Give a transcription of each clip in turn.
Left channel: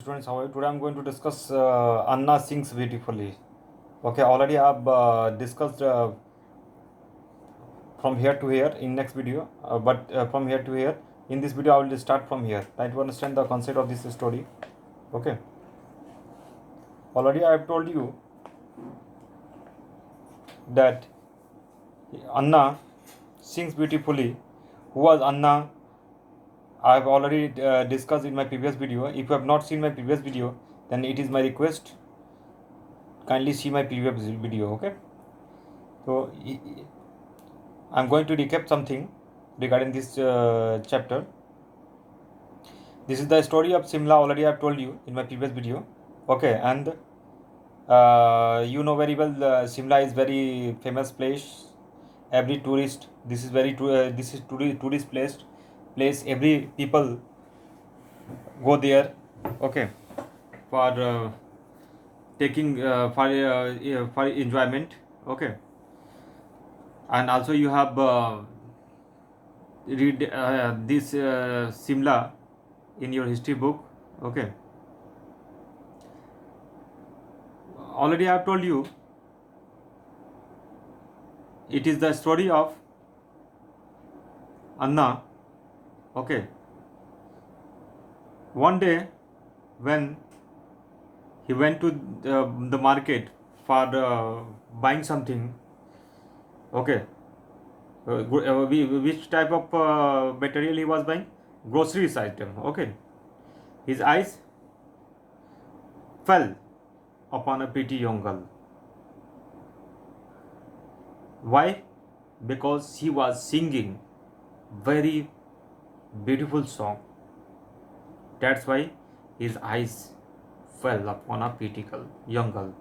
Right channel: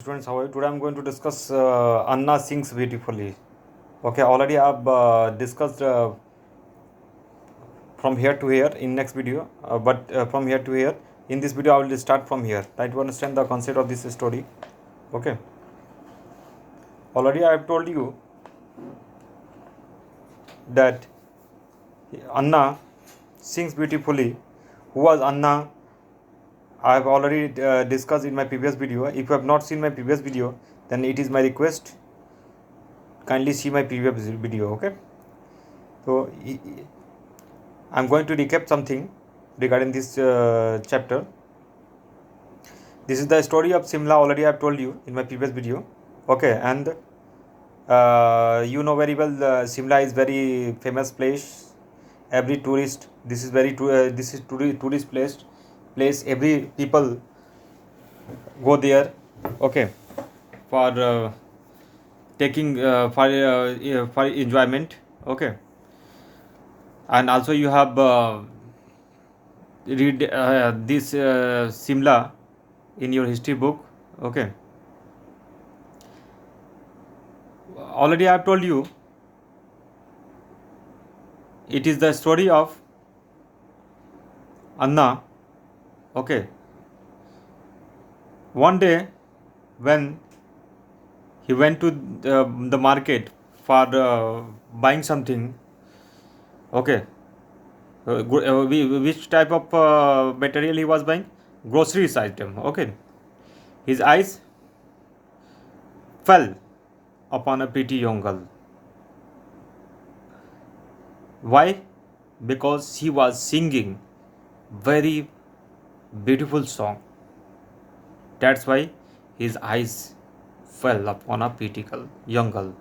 Students, how are you? Today I'm going to discuss Anna sings beautifully. Okay, already I've discussed from here to here in next video, but from here to here in this video I will start from here. Try to understand the concept of this story. Okay, already I have told you that Anna sings beautifully. Who was Anna? I have already discussed in my previous video. If you have not seen my previous video, then it is my request, kindly see my previous video. Okay, so I'm going to recap something regarding this chapter. This is the story of Simla. Already I've told you in my previous video. Okay, and you know very well Simla is very famous place. Every tourist, this is this is tourist place. Every people go there. Okay, for taking for enjoyment. Okay, and also you have read this Simla in your history book. Okay, already I have told you it is the story of Anna. Okay, one day when he went to the market for buying something. Okay, which type of material he was buying? Groceries item. Okay, his eyes fell upon a pretty young girl. Why? Because he was singing very beautiful song. That's why his eyes fell upon a pretty girl, young girl.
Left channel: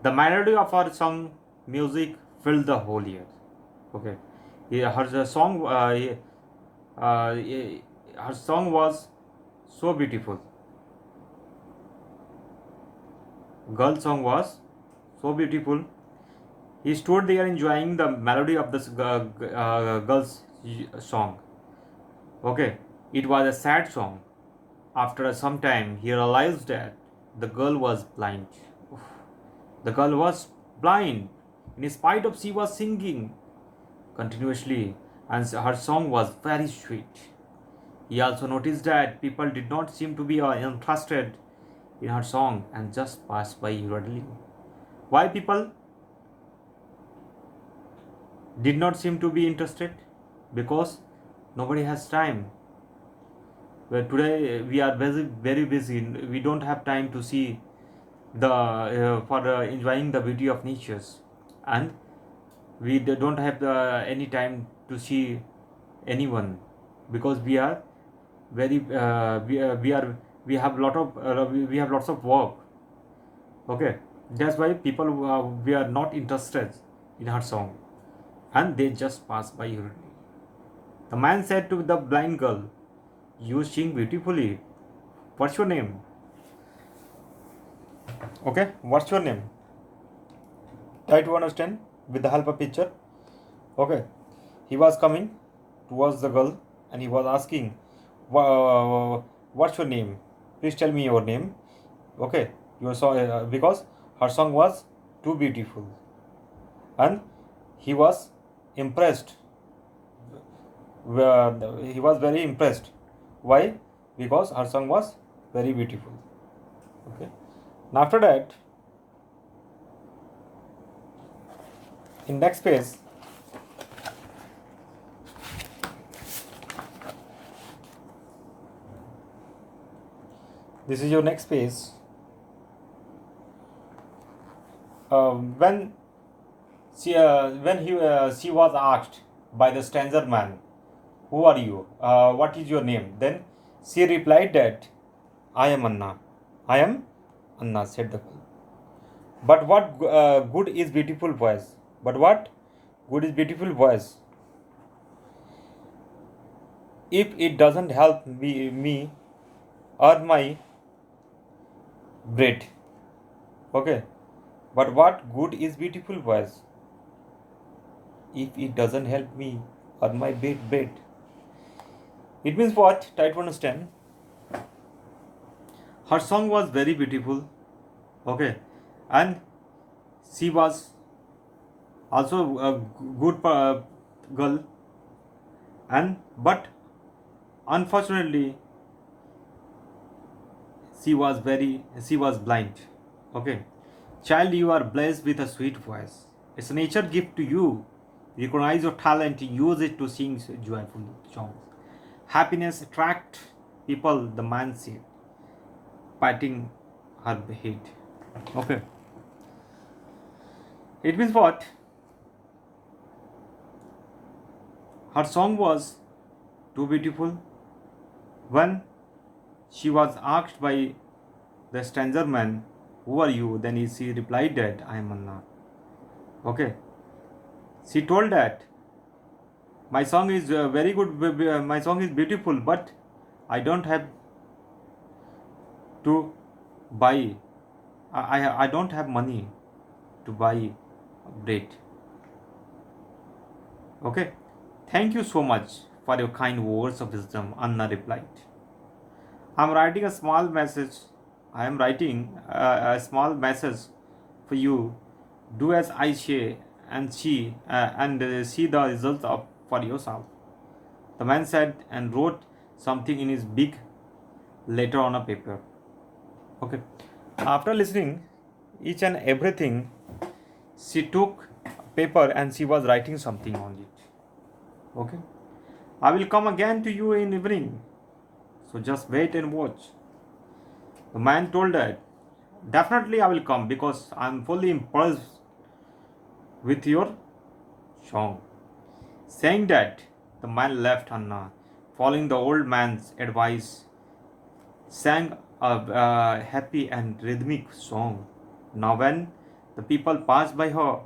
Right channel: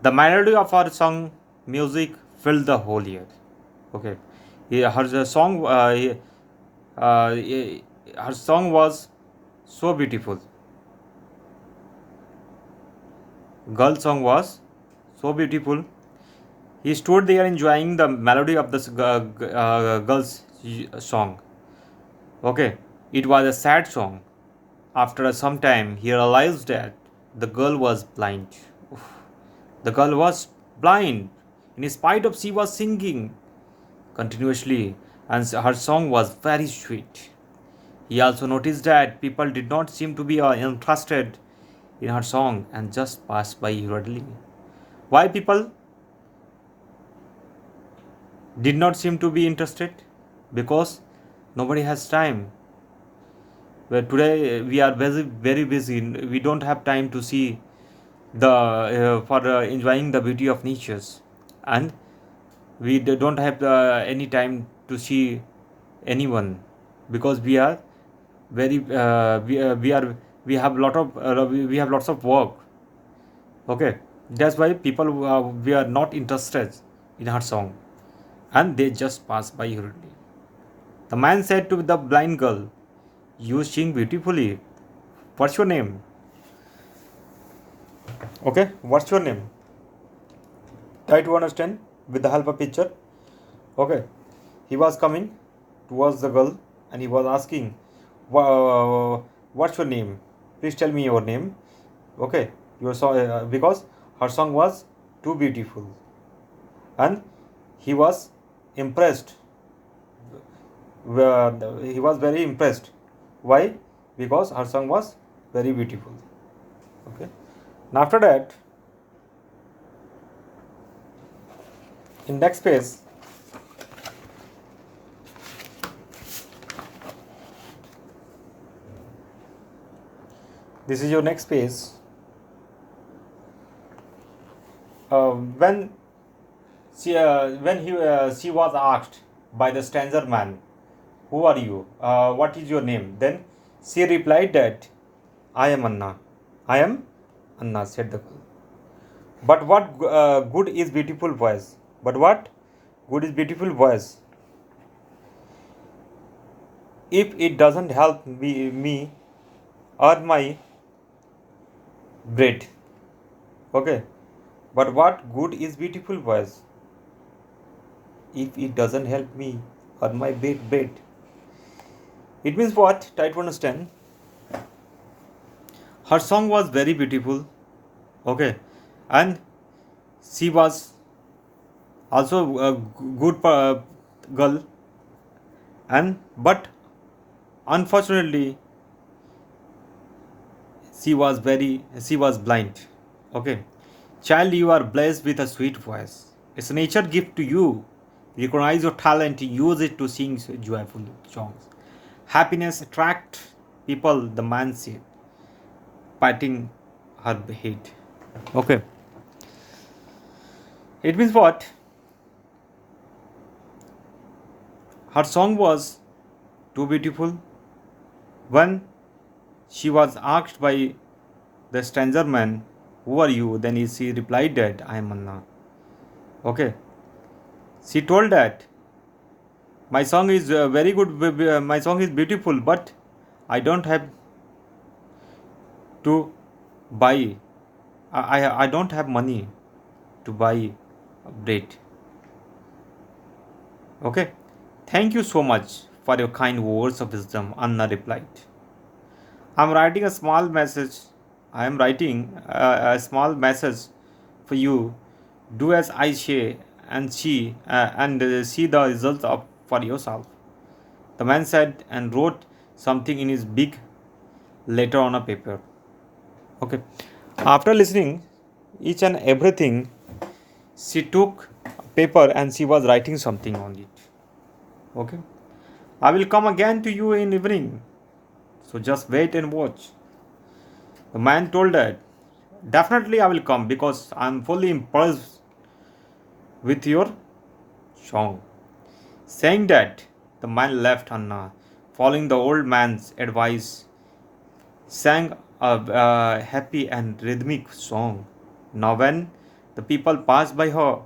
The melody of her song music filled the whole air. Okay, her song, her song was so beautiful. Girl song was so beautiful. He stood there enjoying the melody of this girl's song. Okay, it was a sad song. After some time, he realized that the girl was blind. Oof. The girl was blind. In spite of she was singing continuously, and her song was very sweet. He also noticed that people did not seem to be interested in her song and just passed by hurriedly. Why people did not seem to be interested? Because nobody has time. Well, today we are very busy. We don't have time to see the for enjoying the beauty of natures, and we don't have any time to see anyone because we are very we are we have lots of work. Okay, that's why people we are not interested in her song, and they just pass by hurriedly. The man said to the blind girl, "You sing beautifully. What's your name?" Okay, what's your name? Try to understand with the help of picture. Okay, he was coming towards the girl and he was asking, "What's your name? Please tell me your name." Okay, your song because her song was too beautiful, and he was impressed. He was very impressed. Why? Because her song was very beautiful. Okay. Now after that, in next page, this is your next page. When she was asked by the stranger man, "Who are you? What is your name?" Then she replied that, "I am Anna. I am Anna," said the girl. But what good is beautiful voice? But what good is beautiful voice if it doesn't help me earn my bread? Okay. But what good is beautiful voice if it doesn't help me earn my bread? It means what? Try to understand. Her song was very beautiful, okay, and she was also a good girl, and but unfortunately she was blind. Okay, child, you are blessed with a sweet voice. It's a nature gift to you. Recognize your talent, use it to sing joyful songs. Happiness attract people, the man said, patting her head. Okay, it means what? Her song was too beautiful. When she was asked by the stranger man, "Who are you?" Then she replied that I am Anna. Okay, she told that my song is very good. My song is beautiful, but I don't have to buy. I don't have money to buy bread. Okay, thank you so much for your kind words of wisdom. Anna replied. I'm writing a small message. I am writing a small message for you. Do as I say and see the results of for yourself. The man said and wrote something in his big letter on a paper. Okay. After listening each and everything, she took paper and she was writing something on it. Okay. I will come again to you in evening. So just wait and watch. The man told that definitely I will come because I am fully impressed with your song. Saying that, the man left Anna, following the old man's advice, sang a happy and rhythmic song. Now, when the people passed by her,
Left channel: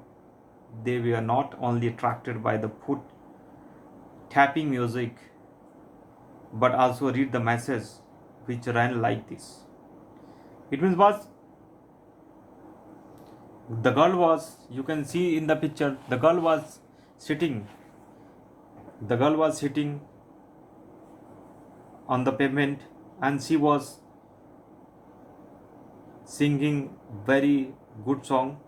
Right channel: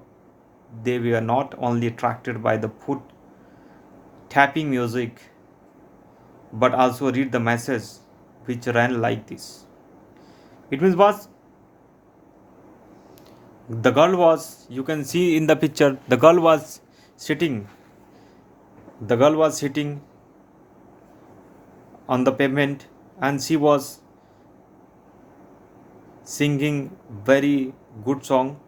they were not only attracted by the foot tapping music, but also read the message which ran like this. It means was the girl was, you can see in the picture, sitting the girl was sitting on the pavement and she was singing very good song,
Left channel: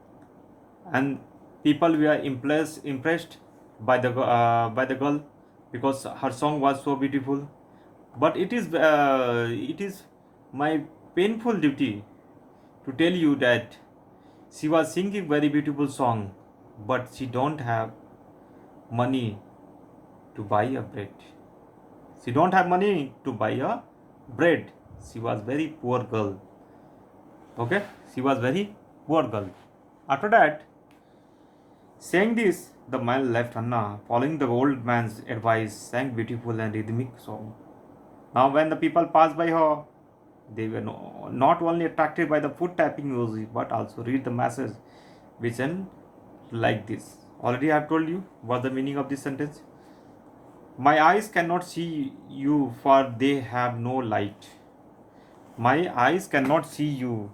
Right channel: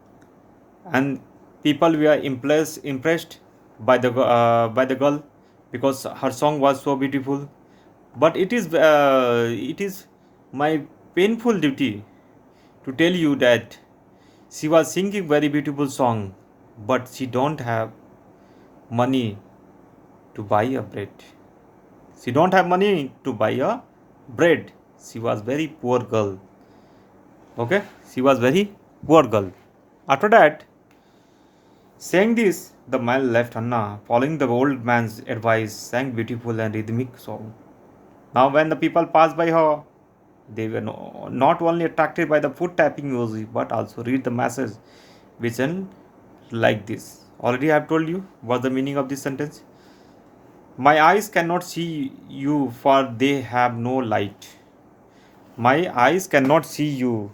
and people were impressed by the girl because her song was so beautiful. But it is my painful duty to tell you that she was singing very beautiful song, but she don't have money to buy a bread. She don't have money to buy a bread. She was very poor girl. Okay, she was very poor girl. After that, saying this, the man left Anna, following the old man's advice, sang beautiful and rhythmic song. Now, when the people passed by her, they were not only attracted by the foot tapping music, but also read the message, which went like this. Already, I have told you what the meaning of this sentence. My eyes cannot see you, for they have no light. My eyes cannot see you.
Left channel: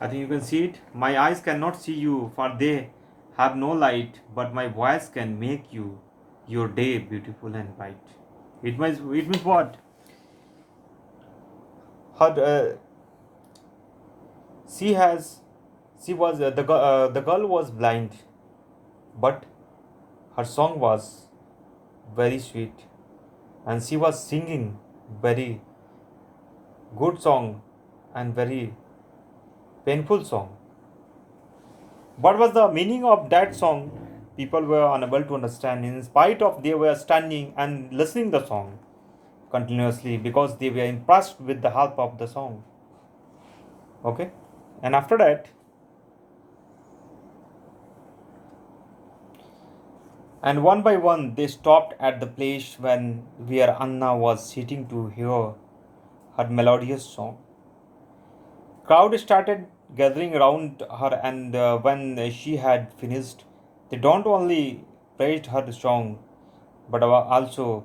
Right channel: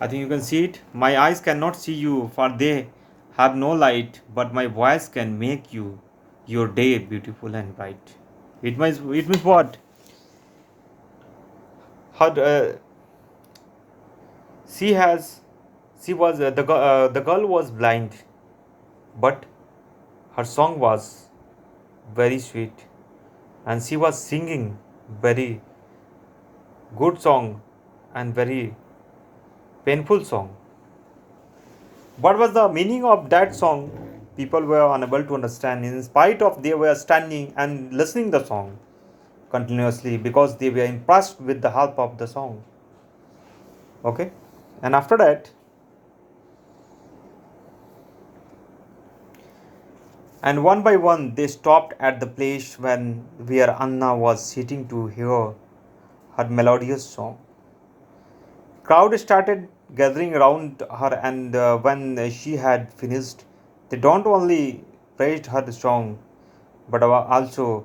I think you can see it. My eyes cannot see you, for they have no light, but my voice can make your day beautiful and bright. It means what? Her, she has, she was the girl was blind, but her song was very sweet, and she was singing very good song and very painful song. What was the meaning of that song? People were unable to understand. In spite of they were standing and listening the song continuously because they were impressed with the help of the song. Okay, and after that, and one by one they stopped at the place where Anna was sitting to hear her melodious song. Crowd started gathering around her, and when she had finished, they don't only praised her song, but also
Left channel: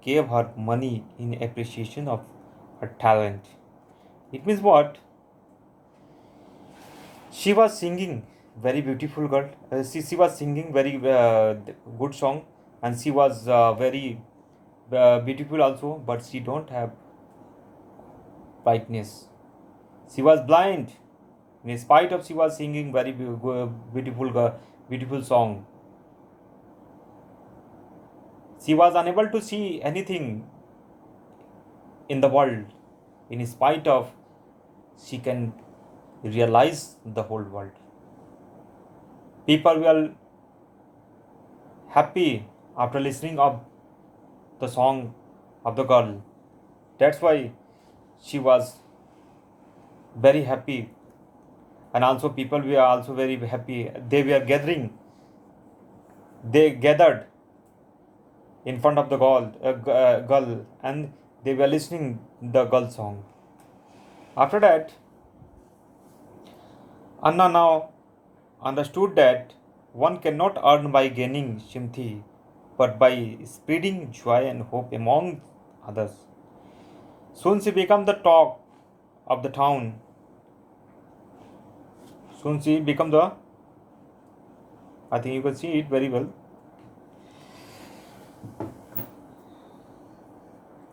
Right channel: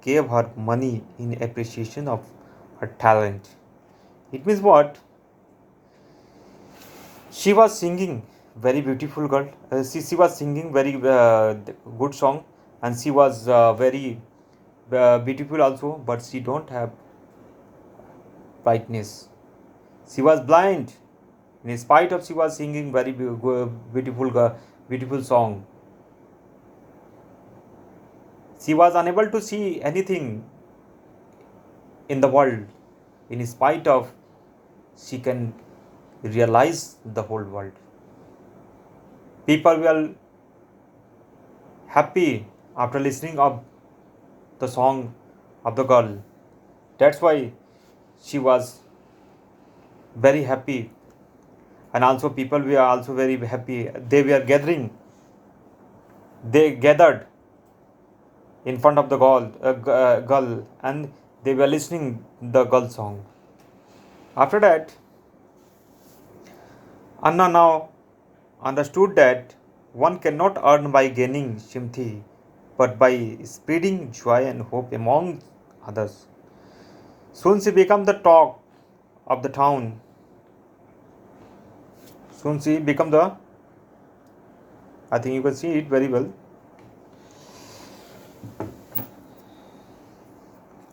gave her money in appreciation of her talent. It means what? She was singing very beautiful girl. She was singing very good song, and she was very beautiful also. But she don't have brightness. She was blind. In spite of she was singing very beautiful song. She was unable to see anything in the world. In spite of she can realize the whole world. People were happy after listening of the song of the girl. That's why she was very happy, and also people were also very happy. They were gathering. They gathered in front of the girl, and they were listening the girl song. After that, Anna now understood that one cannot earn by gaining sympathy, but by spreading joy and hope among others. Soon she became the talk of the town. Soon she became the, I think you can see it very well.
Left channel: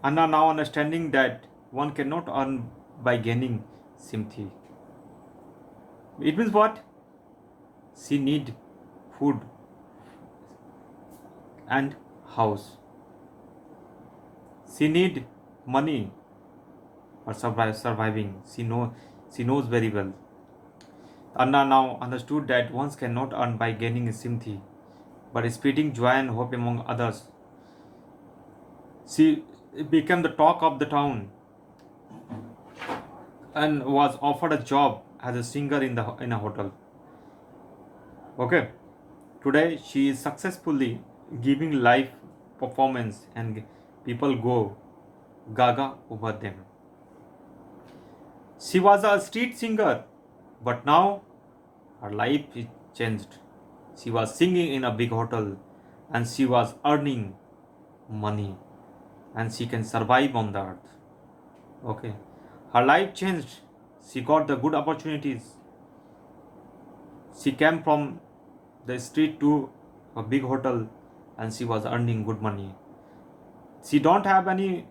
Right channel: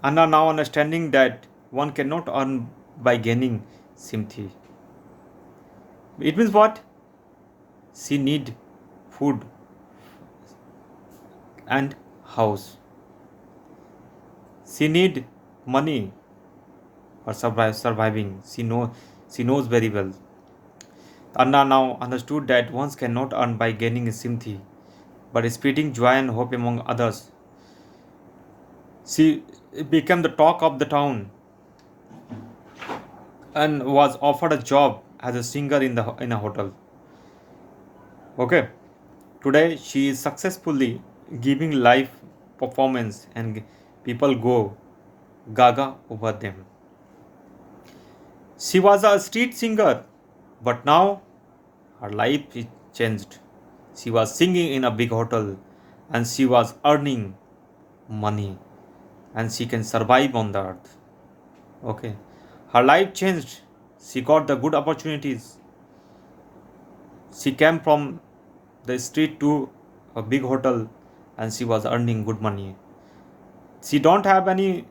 Anna now understanding that one cannot earn by gaining sympathy. It means what? She need food and house. She need money for surviving. She knows very well. Anna now understood that one cannot earn by gaining sympathy, but spreading joy and hope among others. She became the talk of the town and was offered a job as a singer in a hotel. Okay, today she is successfully giving live performance, and people go gaga over them. She was a street singer, but now her life is changed. She was singing in a big hotel, and she was earning money, and she can survive on the earth. Okay, her life changed. She got the good opportunities. She came from the street to a big hotel, and she was earning good money. She don't have any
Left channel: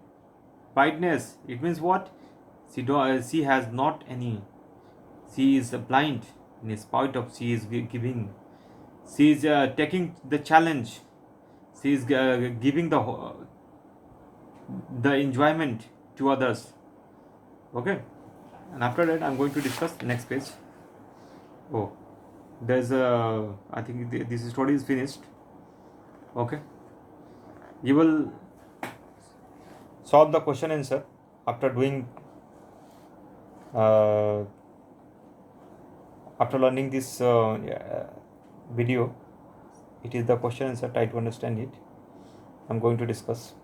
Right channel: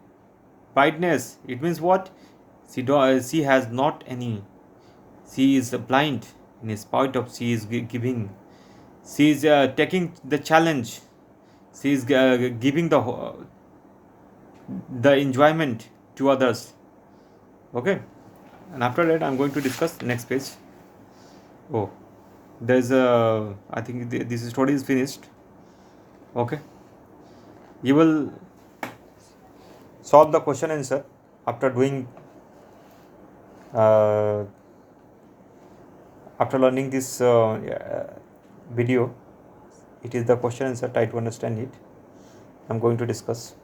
brightness. It means what? She has not any. She is blind. In spite of she is giving. She is taking the challenge. She is giving the enjoyment to others. Okay, and after that I'm going to discuss the next page. Oh, there's a, I think this story is finished. Okay, you will solve the question answer after doing after learning this video. It is the question answer. Try to understand it. I'm going to discuss.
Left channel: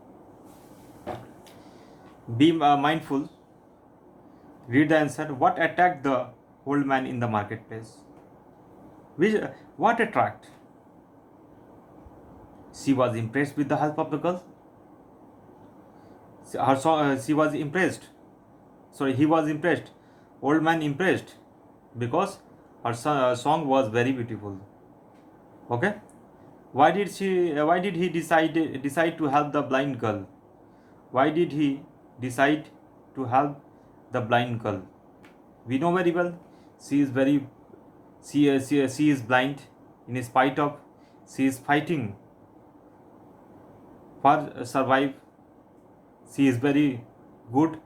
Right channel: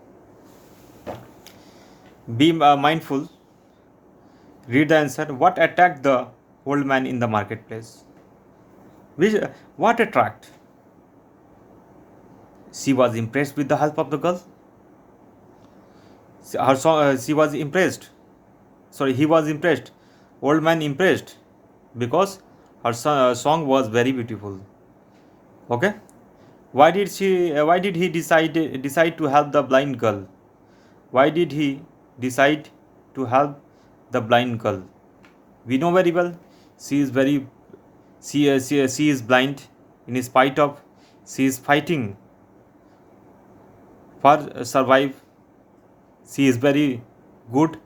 Be mindful. Read the answer. What attacked the old man in the marketplace? What attract? She was impressed with the help of the girl. She was impressed. Sorry, he was impressed. Old man impressed because her song was very beautiful. Okay. Why did he decide to help the blind girl? Why did he decide to help the blind girl? We know very well she is blind. In spite of she is fighting for survive. She is very good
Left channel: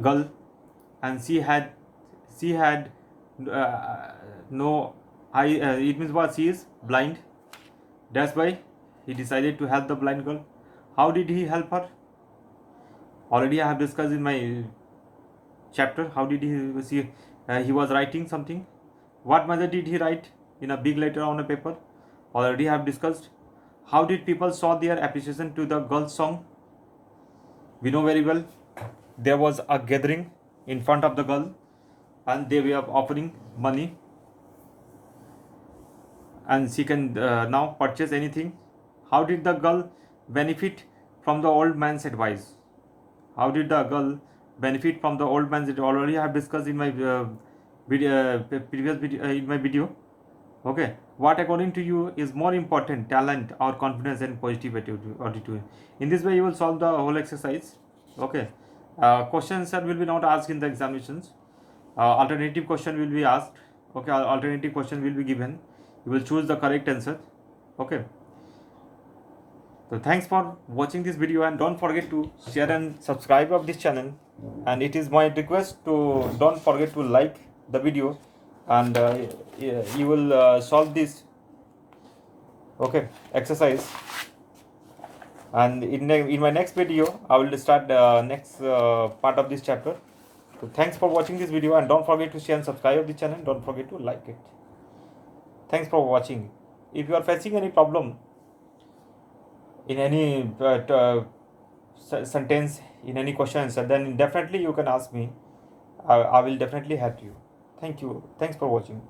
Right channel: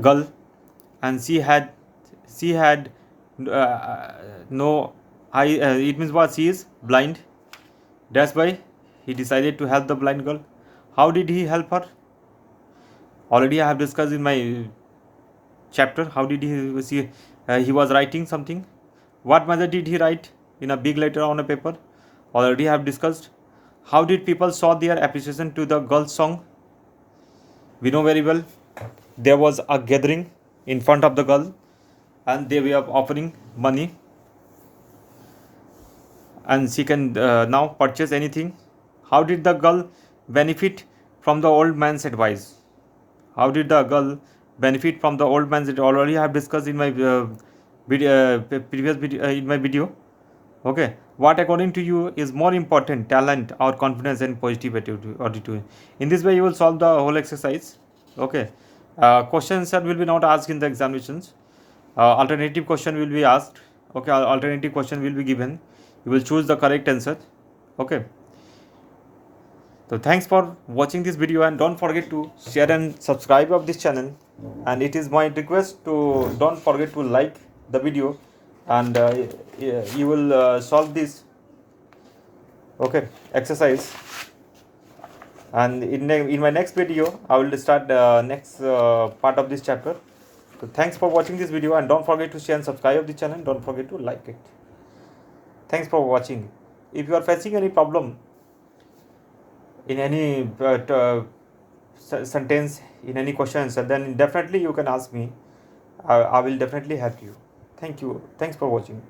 girl, and she had no eye. It means what? She is blind. That's why he decided to help the blind girl. How did he help her? Already I have discussed in my chapter. How did he was writing something. What method did he write? In a big letter on a paper. Already I have discussed. How did people show their appreciation to the girl's song? We know very well. There was a gathering in front of the girl, and they were offering money, and she can now purchase anything. How did the girl benefit from the old man's advice? How did the girl benefit from the old man's advice? Already I have discussed in my previous video, in my video. Okay, what according to you is more important, talent or confidence and positive attitude? In this way you will solve the whole exercise. Okay, Question answer will be not asked in the examinations. Alternative question will be asked. Okay, alternative question will be given. You will choose the correct answer. Okay. So thanks for watching this video, and don't forget to share and subscribe of this channel. And it is my request to don't forget to like the video, and you will solve this exercise. And in my next video I will start next part of this chapter. So thanks for watching this video, and don't forget to share and subscribe of the channel. Don't forget to like it. Thanks for watching. If you are facing any problem in any sentence, in any questions, then definitely you can ask me. I will definitely help you. Thank you. Thanks for watching.